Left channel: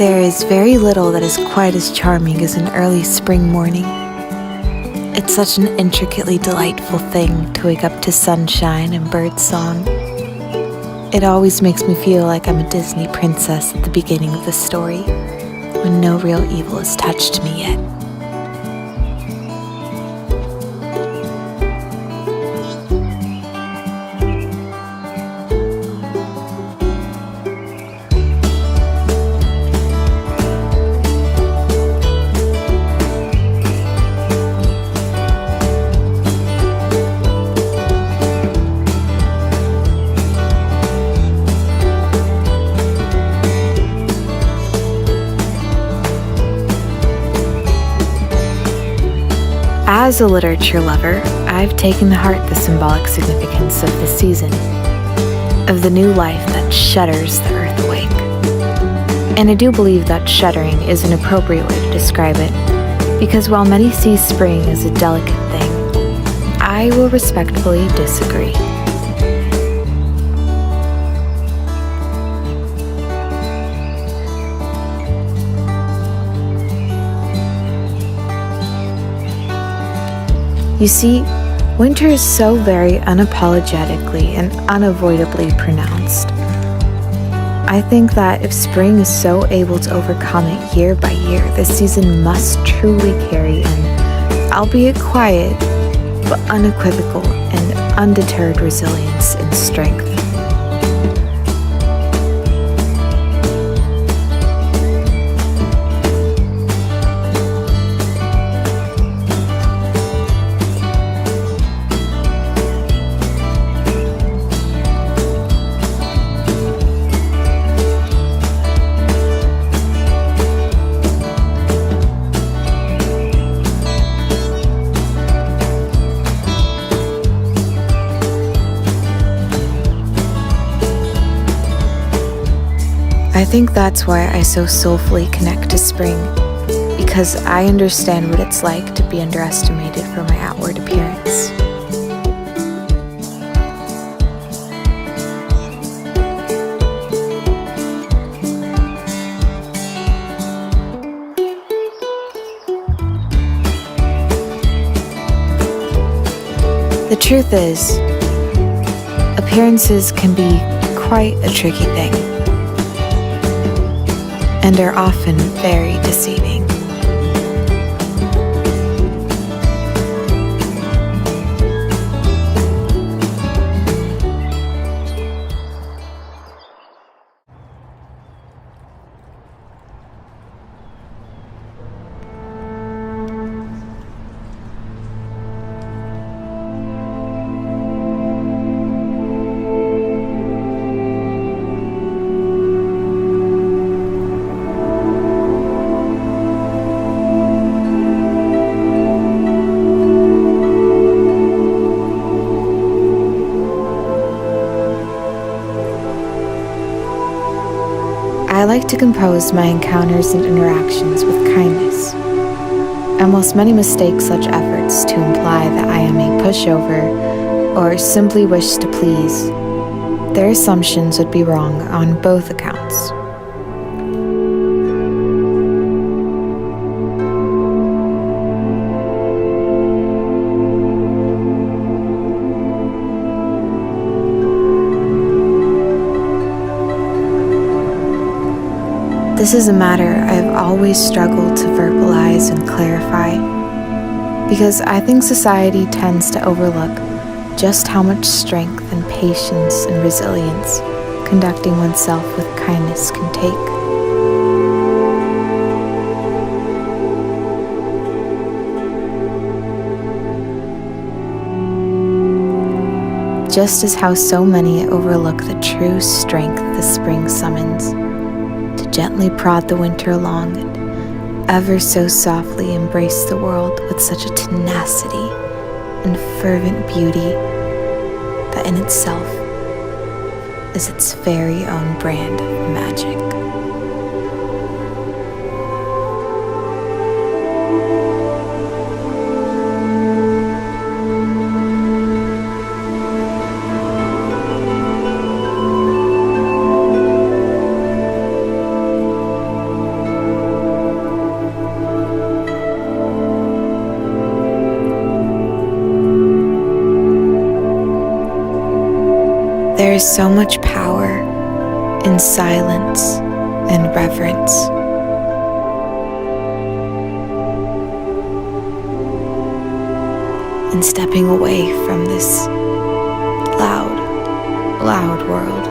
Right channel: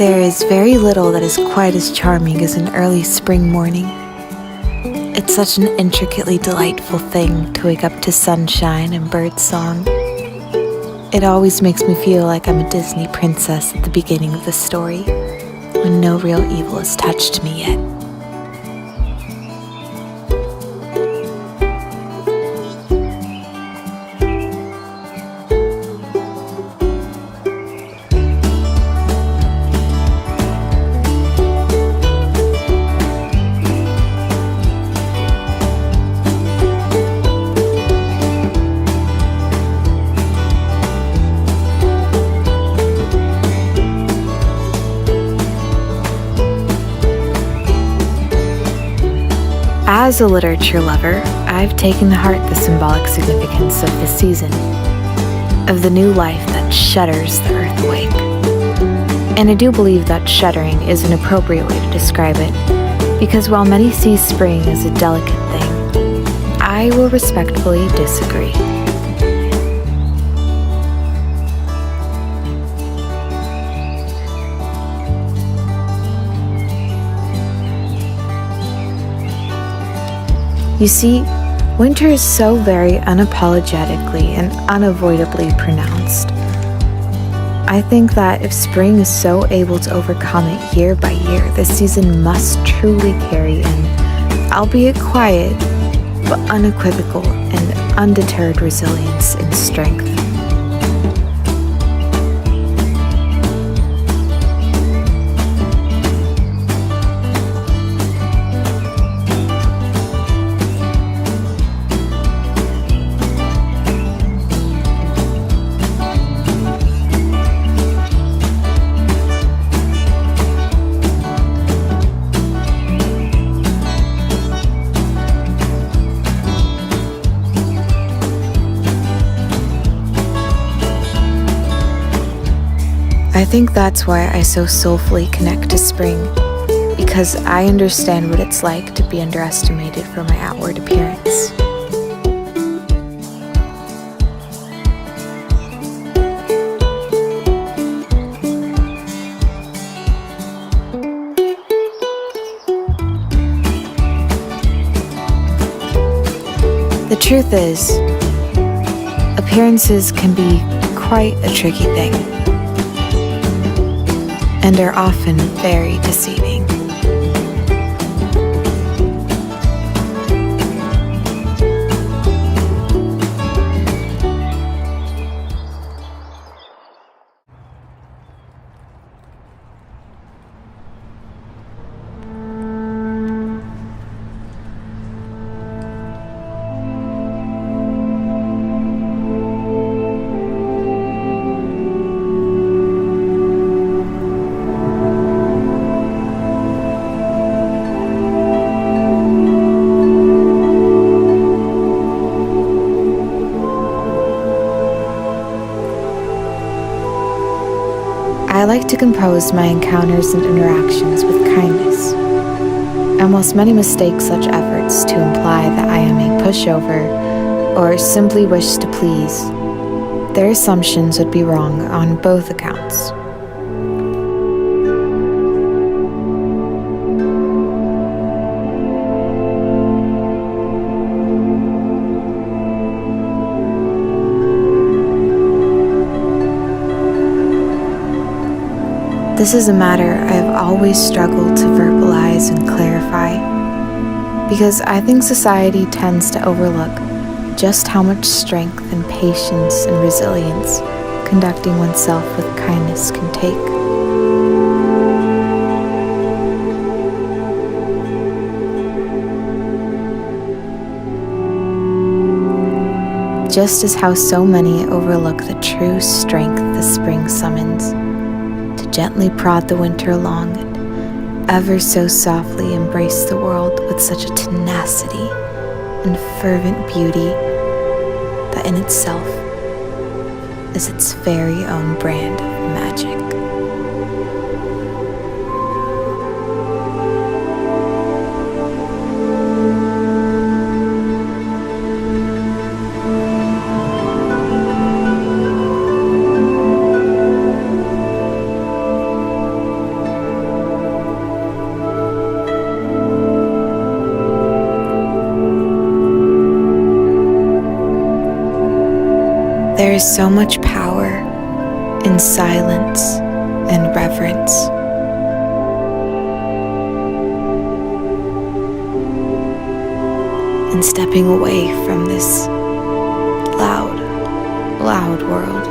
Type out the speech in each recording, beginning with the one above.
There is very little that is quite as charming as an early spring morning. It's such an intricately delightful thing to wake up to sunshine and birdsong. It always makes me feel like I'm a Disney princess at the beginning of the story, when no real evil has touched me yet. As a literature lover, I've taken to heart the symbolic significance of this season, of the new life that shudders the earth awake. And I do believe that shuddering is an appropriate way to describe it, because while many see spring as a delicate thing, I will respectfully disagree. You see, winter is so very unapologetically and unavoidably pronounced. I think that if spring is so able to overcome it year by year, this season must truly carry an, albeit quiet, but unequivocal and undeterred resilience and strength. I think that's why I so soulfully connect to spring, because I understand what it's like to be underestimated for my outward appearance. The truth is, appearances can be quite a tricky thing, and are often very deceiving. I like to compose my encounters and interactions with kindness, and whilst many mistake such efforts to imply that I am a pushover or simply wish to please, their assumptions would be wrong on both accounts. This is a matter I've always struggled to verbalize and clarify, because I think society tends to overlook just how much strength and patience and resilience conducting oneself with kindness can take. Just as how so many overlook the true strength the spring summons, to gently prod the winter along and ever so softly embrace the world with such a tenacity and fervent beauty that in itself is its very own brand of magic. There is so much power in silence and reverence. And stepping away from this loud, loud world.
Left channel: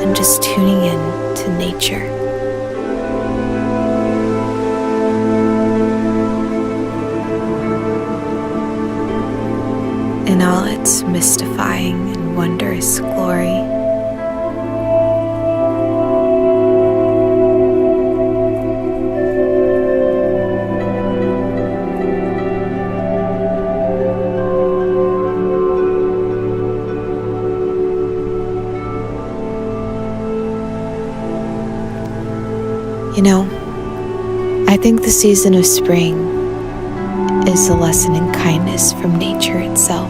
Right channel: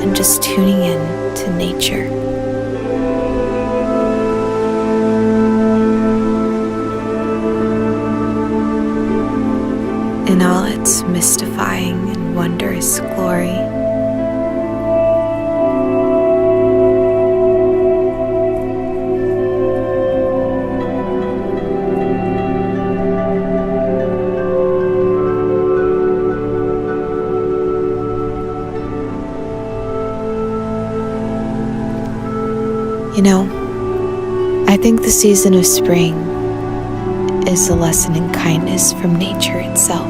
And just tuning in to nature. In all its mystifying and wondrous glory. You know, I think the season of spring is a lesson in kindness from nature itself.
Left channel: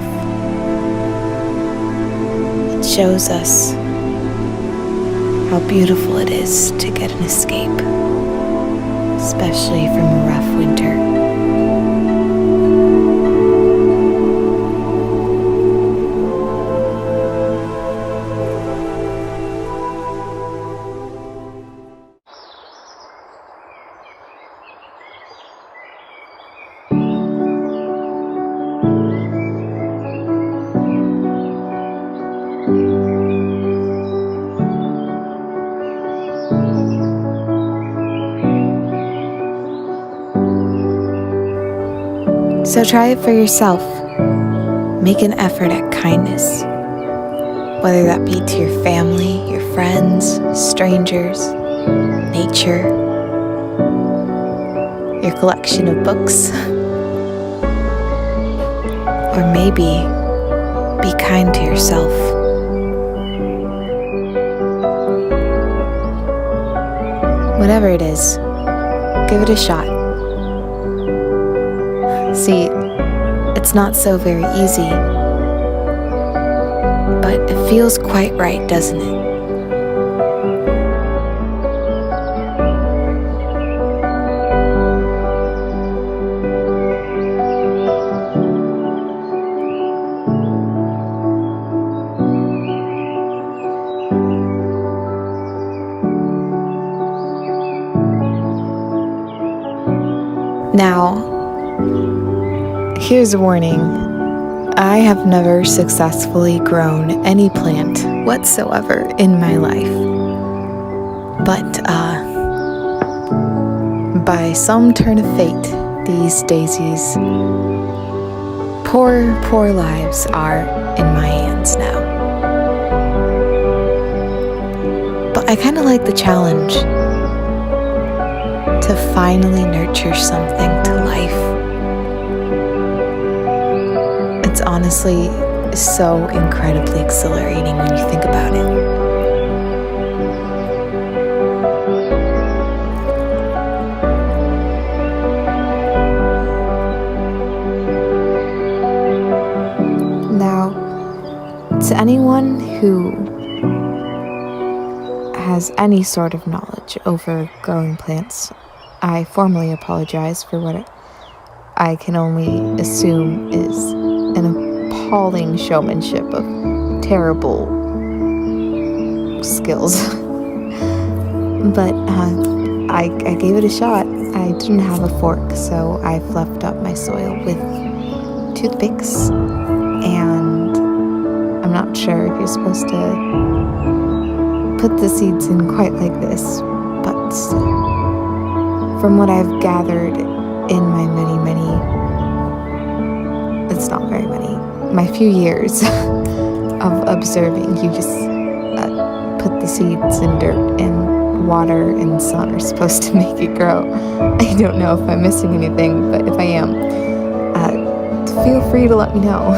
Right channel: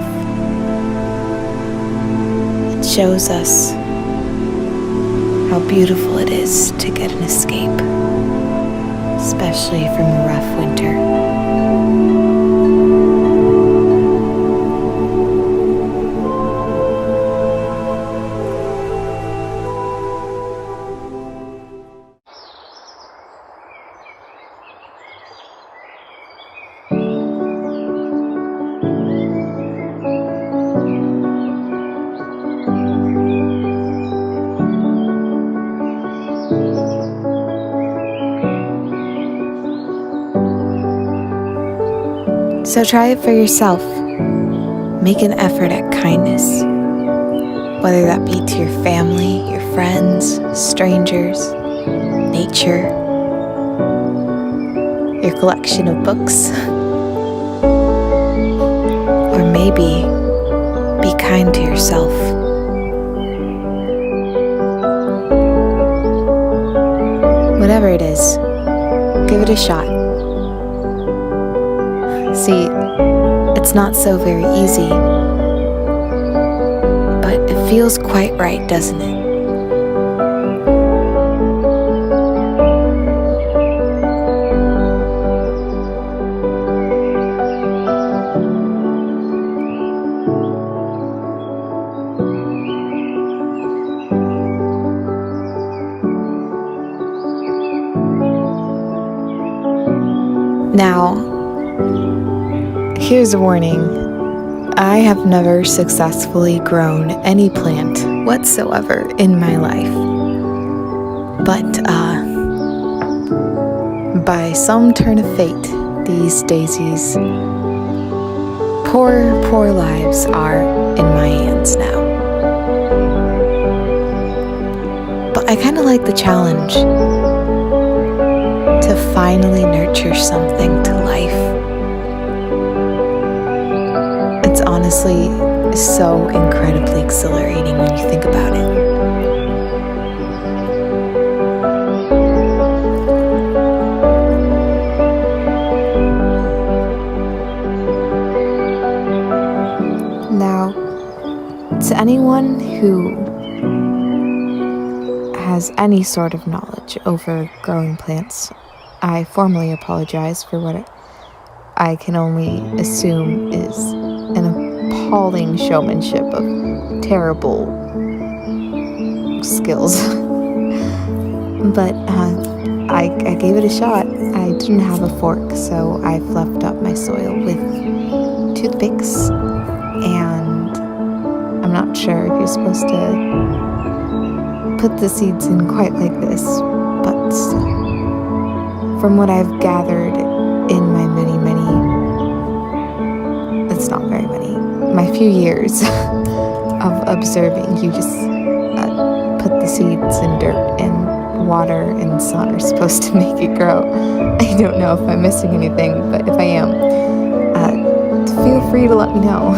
It shows us how beautiful it is to get an escape, especially from a rough winter. So try it for yourself. Make an effort at kindness, whether that be to your family, your friends, strangers, nature, your collection of books, or maybe be kind to yourself. Whatever it is, give it a shot. See, it's not so very easy, but it feels quite right, doesn't it? Now, here's a warning. I have never successfully grown any plant whatsoever in my life. But by some turn of fate, these daisies, poor lives are in my hands now. But I kind of like the challenge to finally nurture something to life. It's honestly so incredibly exhilarating when you think about it. Now, to anyone who has any sort of knowledge over growing plants, I formally apologize for what I can only assume is an appalling showmanship of terrible skills. But I gave it a shot. I didn't have a fork, so I fluffed up my soil with toothpicks, and I'm not sure if you're supposed to put the seeds in quite like this, but from what I've gathered in my many, it's not very many, my few years of observing, you just put the seeds in dirt, and water and sun are supposed to make it grow. I don't know if I'm missing anything, but if I am, feel free to let me know.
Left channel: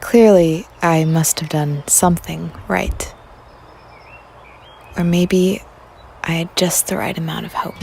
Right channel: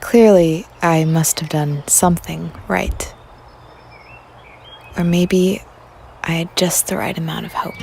Clearly, I must have done something right. Or maybe I had just the right amount of hope.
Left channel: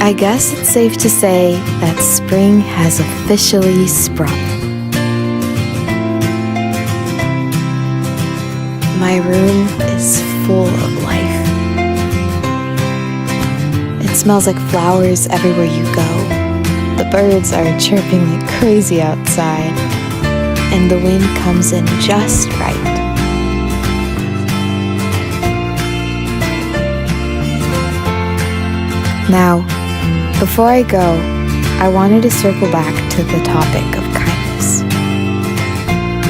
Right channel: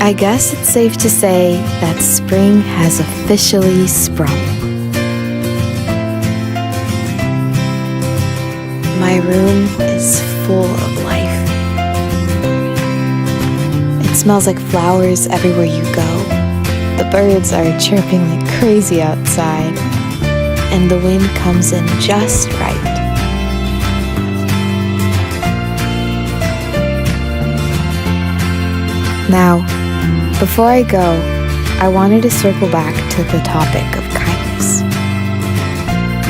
I guess it's safe to say that spring has officially sprung. My room is full of life. It smells like flowers everywhere you go. The birds are chirping like crazy outside, and the wind comes in just right. Now, before I go, I wanted to circle back to the topic of kindness.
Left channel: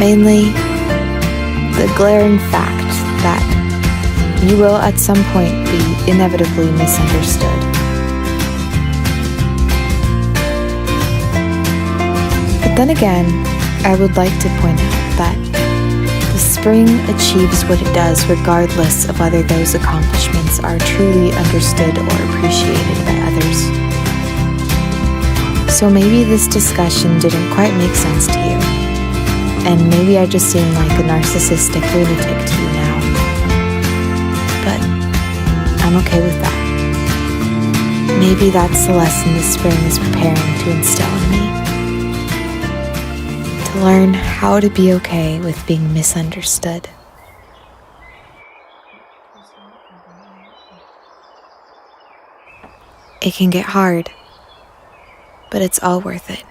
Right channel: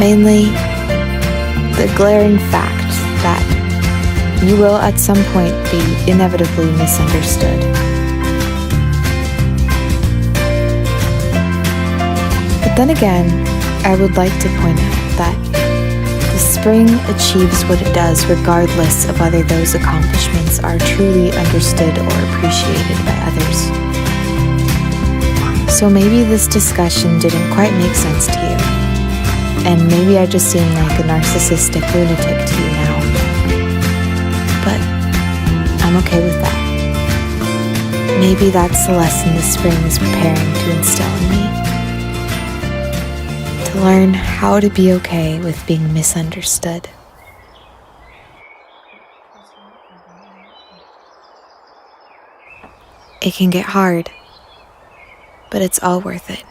Mainly, the glaring fact that you will at some point be inevitably misunderstood. But then again, I would like to point out that the spring achieves what it does regardless of whether those accomplishments are truly understood or appreciated by others. So maybe this discussion didn't quite make sense to you, and maybe I just seem like a narcissistic lunatic to you now. But I'm okay with that. Maybe that's the lesson the spring is preparing to instill in me. To learn how to be okay with being misunderstood. It can get hard, but it's all worth it.